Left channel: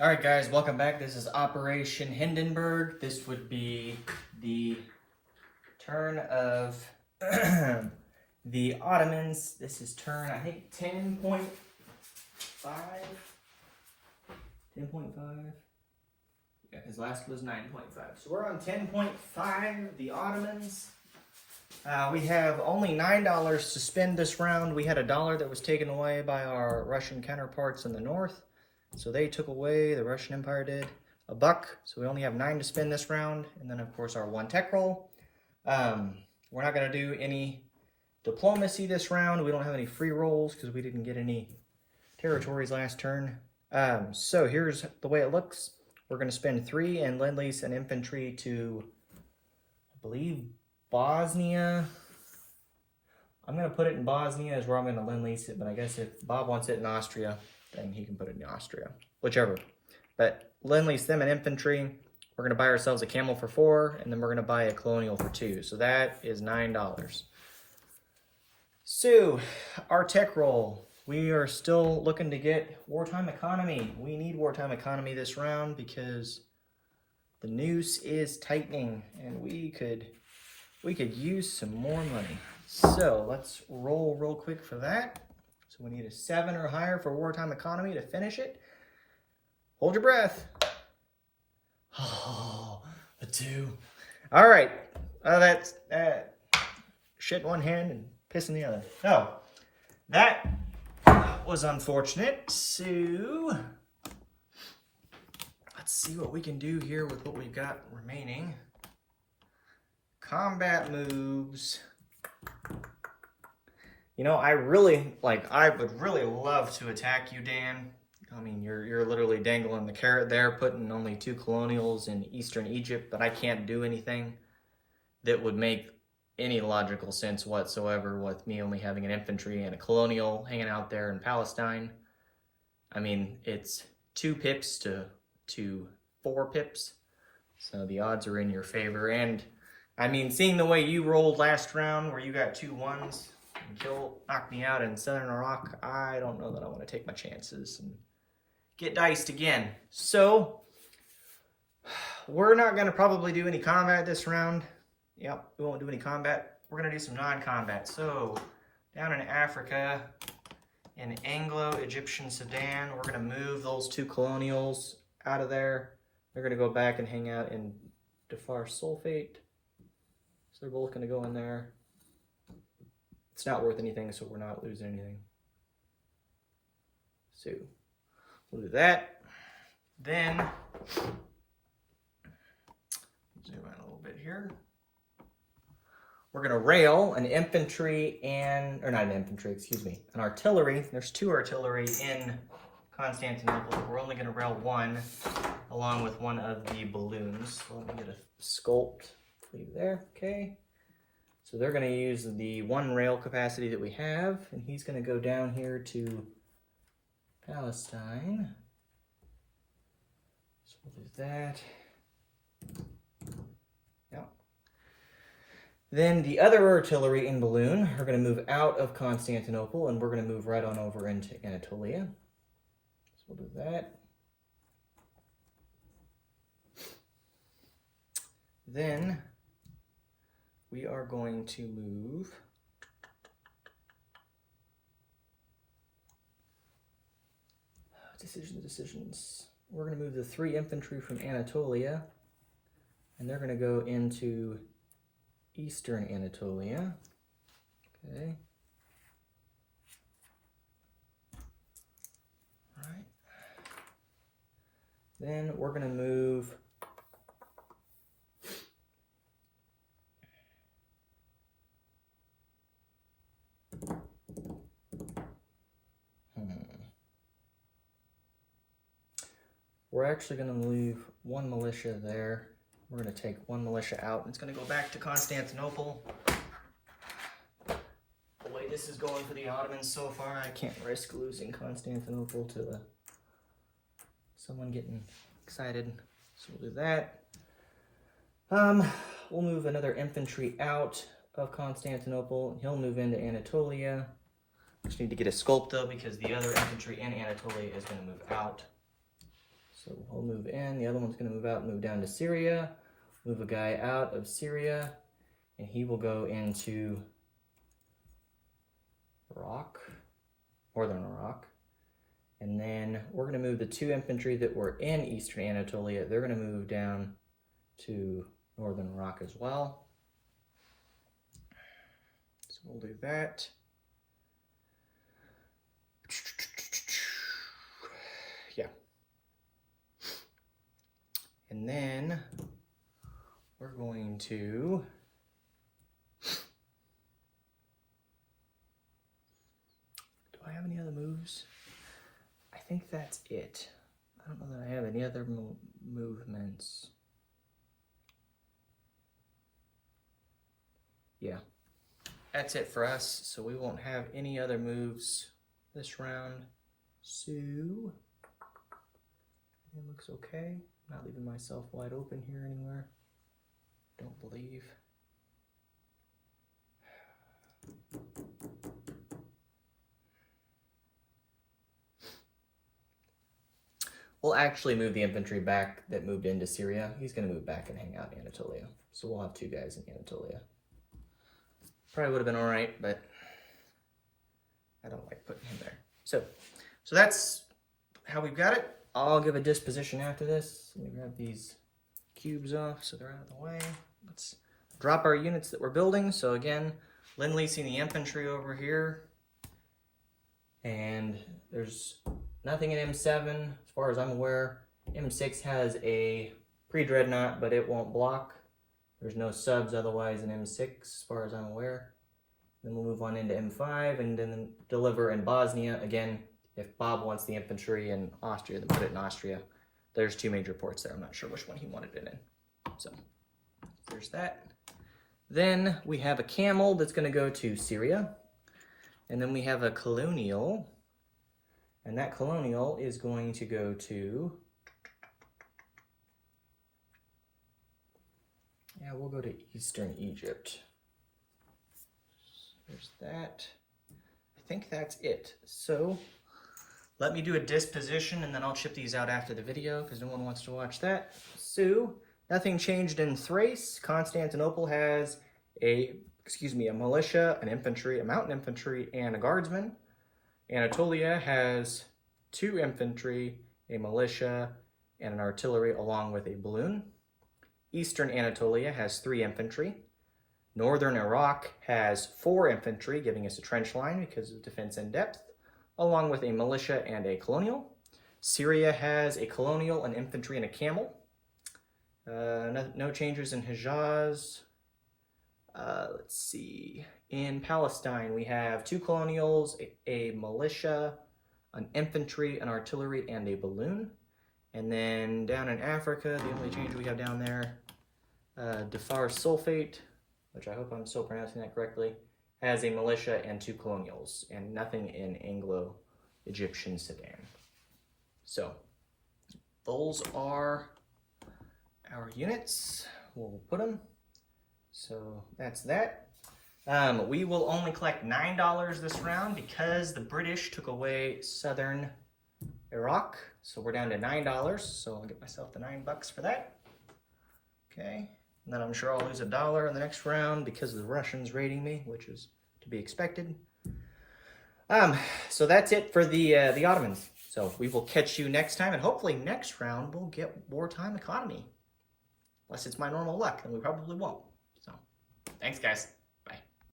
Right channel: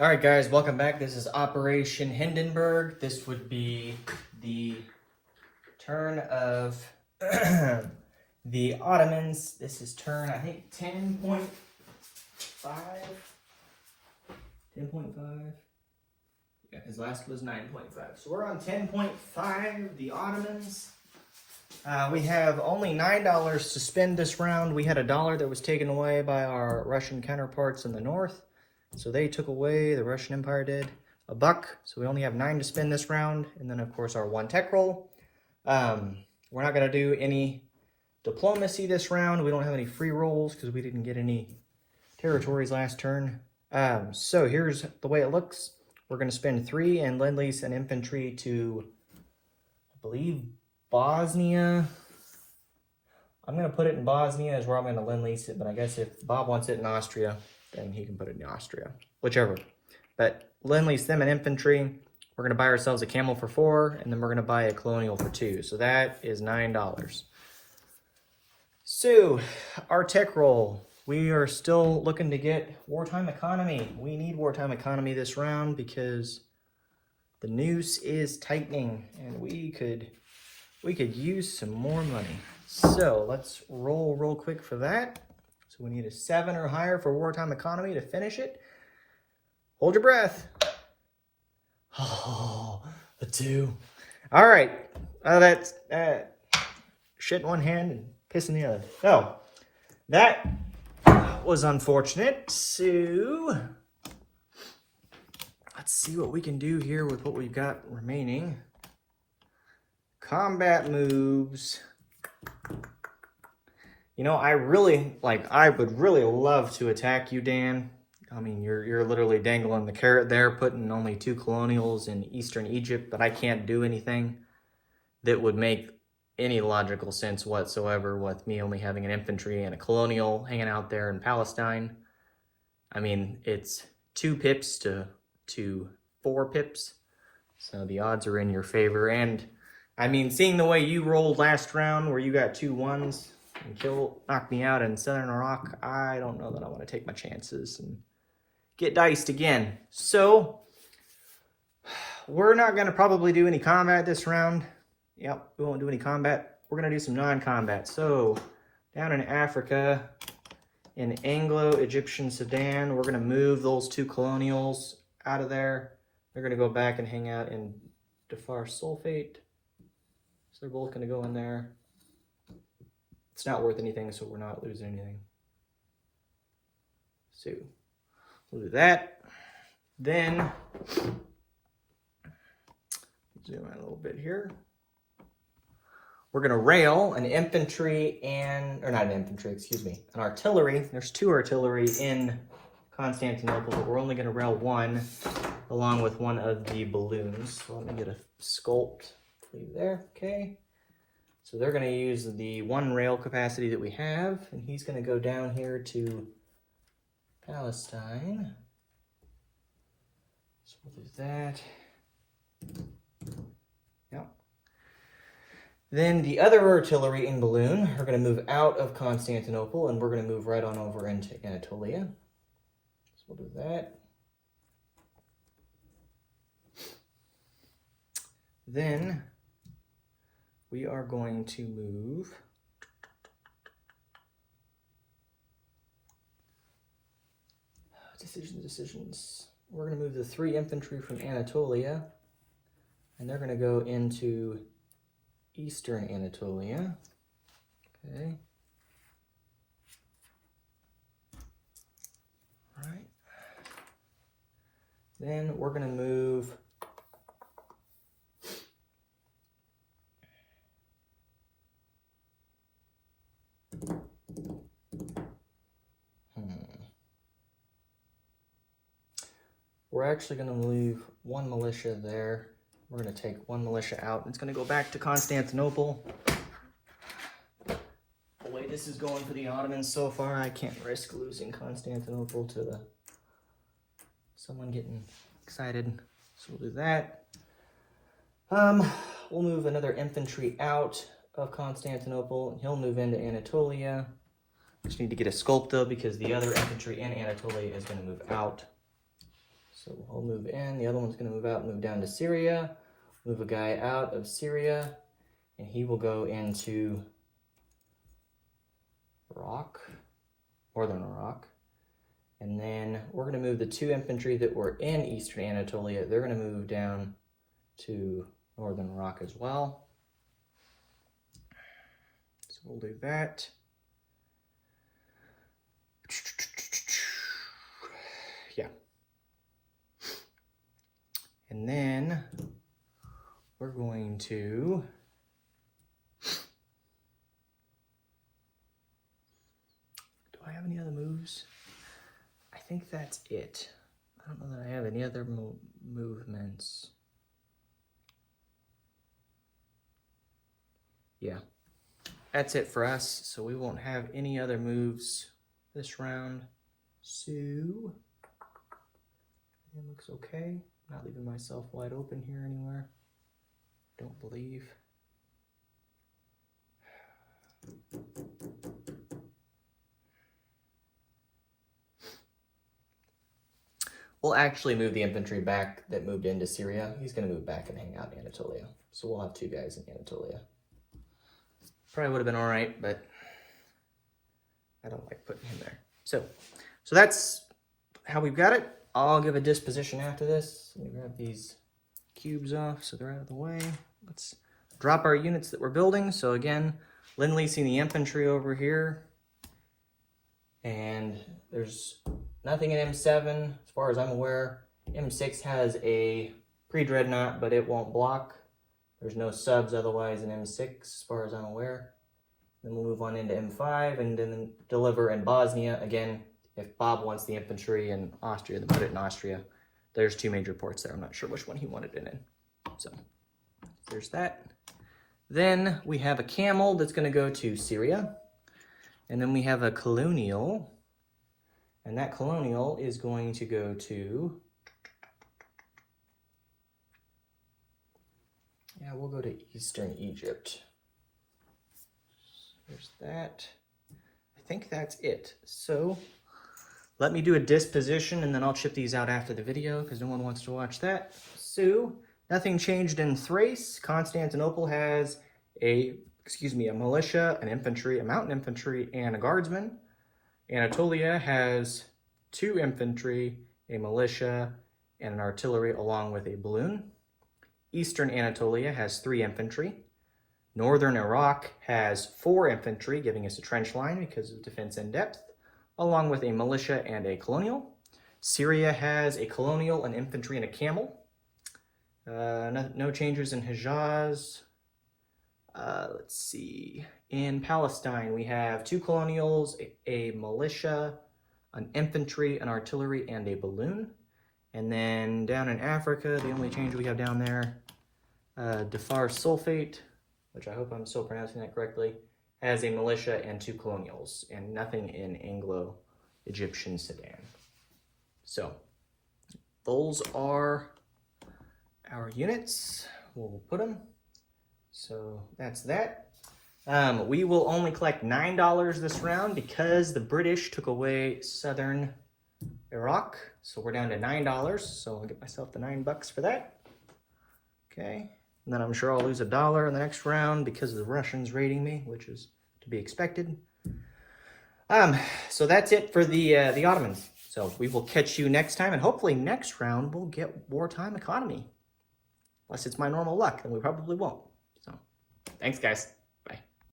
Alright guys, welcome back. This is Operation Hindenburg. This would be the turn of the Ottomans. This is turn, I think, 10.5? 10.5? Yeah, his last was 9.5. So we're on 10.5, the Ottomans. We have only $9 to spend this round. We had $1 that was taken away by our Russian counterparts in the north. So they took away, the Russian Empire did, $1. So we only have 9 to spend this round. And then, of course, our 1 tech roll. We're not going to do any diplomacy this round. We don't have any free rolls because we didn't get any territories last turn. So here's the way it looks. We're going to spend 3 and lend-lease and infantry to, I believe, Bosnia. I'm going to put it in Bosnia is where I'm going to lend-lease it. But I guess if Bob wants it in Austria, and he can put it in Austria, whichever. But lend-lease them an infantry. We're going to buy ourselves a camel for 4, and then we're going to buy a colonial for 2. So that is $9. So, our tech roll. We are still looking to get wartime economy. We need wartime economy this round because the noose is tightening, and we could use some more money. So let's roll real quick for that. So we need a 7 or higher for wartime economy to finish it. Hold your breath. Oh, a 2. All right. Oh, that's shit in one hand and piss in the other. No, that was unfortunate. So let's see what we can do here with what we've got remaining. Combat moves. You know, I would really love to attack you, Dan. I mean, you're literally dangling the carrot there, putting only 2 colonials in eastern Egypt, but I can't do anything that would make any logical sense whatsoever with me only having an infantry and a colonial hanging out there in Palestine. I mean, it's 2 pips to 4 pips, so the odds are in your favor. And, I mean, seeing the way you rolled last round where you got 2 1s, and knock me out in Southern Iraq, I don't know that I want to take my chances and get diced again. So, we're not going to probably do any combat this round. Yep, we won't do any combat. We're going to do some non-combat. So, down in Africa, in Anglo-Egyptian Sudan, we're going to move those 2 colonials out of there. They're going to go back and hang out in Darfur Sulfate. So they're both going to go in there. It's not worth anything, so we're not losing anything. So, we'll do that. Then, zoom out a little bit here. We're going to rail an infantry and, or not an infantry, excuse me, an artillery. There's 2 artillery in Constantinople, but we're only going to rail 1 along with 1 of the balloons. So let me get a sculpt, leave there, okay. So they're going to use the 1 rail capacity that we have, and he's going to go down here to Palestine. So we'll do that. Yep. Then the other artillery in balloon are going to move out of Constantinople, and we're going to move right on over into Anatolia. So we'll do that. Then we are going to move decisions. We're going to move the 3 infantry from Anatolia, and they're going to go into eastern Anatolia. Okay. All right. Then we're going to move We're actually going to leave 1 militia there. We're going to take 1 militia out. It's going to go back to Constantinople. The way this is going for the Ottomans so far, I can't risk losing Constantinople to someone getting excited. So we'll do that. We'll move another infantry out of Constantinople. He'll move into Anatolia. Just need to get a sculpt though because the other infantry in Anatolia is going to move out. So he'll move in, the other one's gonna move out, move down to Syria, move a guy out of Syria, and he will go into Iraq, northern Iraq. And then we're gonna move the 2 infantry that were in Eastern Anatolia, they're gonna move down to northern Iraq as well. So we'll do that. Yeah. And then we're going to do I have any other moves? I think that's it. I don't know that I have any other movements. Yeah, that's it for us. So we won't have any other moves this round. So it looks okay. Not leaving myself wide open here anywhere. Don't believe. We'll actually move the infantry back that moved into Syria. He's going to move back and hang out in Anatolia. So we'll have 2 guys in Anatolia. Probably would have been all right, but I don't like putting him there. So that's how we've got it. I'll give a disposition after this. Let me grab these cubes off so they're out of the way. Let's drop our units that we're building. So again, Lend-Leasing the infantry over here. And there's nothing in M7 as far as I'm aware. M6 has a pre-dreadnought, but it won't block. There's no subs otherwise in M6 as far as I'm aware. Then we'll move on into M5 and then deliver in Bosnia. Again, if Bob wants the infantry in Austria, then put it in Austria. There's 2 major ports there. I'm not sure which one he wanted it in. So there's that. Then we have a camel that's going to go to Syria. And then we have a colonial. And that colonial is going to go to... Yeah, we'll go to Eastern Egypt. There's that. I think that's it. So let me do a disposition and then I'll chip these out after the video because no one wants to watch that. So nothing changed in Thrace. Constantinople has a militia, an infantry, a mountain infantry, and a guardsman. Anatolia has 2 infantry, a militia, and an artillery along with a balloon. Eastern Anatolia has 3 infantry. Northern Iraq has 4 infantry, giving us a trench line because of defense in depth, along with a militia and a colonial. Syria has a colonial, an infantry, and a camel. No changes in Hejaz. Let's see. In Palestine, we have 2 colonials, a militia, an infantry, an artillery, and a balloon. And then down in Africa, the only change we have down there, Dhofar Sulfate, which I hope I'm still pronouncing that correctly, has a militia and 2 colonials, and nothing in Anglo-Egyptian Sudan. So, those are our units. We'll put them. So, that's that. We will only collect $9 this round because the British took away southern Iraq. So we're down to $9. So I'll get myself the $9 for that. Okay. And then I'm sure I'll lose $1 in the next round because of the Russians raiding me, which is to be expected. So that's it for the Ottomans. So we will catch you next time, and hopefully next round we'll get wartime economy. Unless it's my normal luck, and we probably won't. So thanks, guys.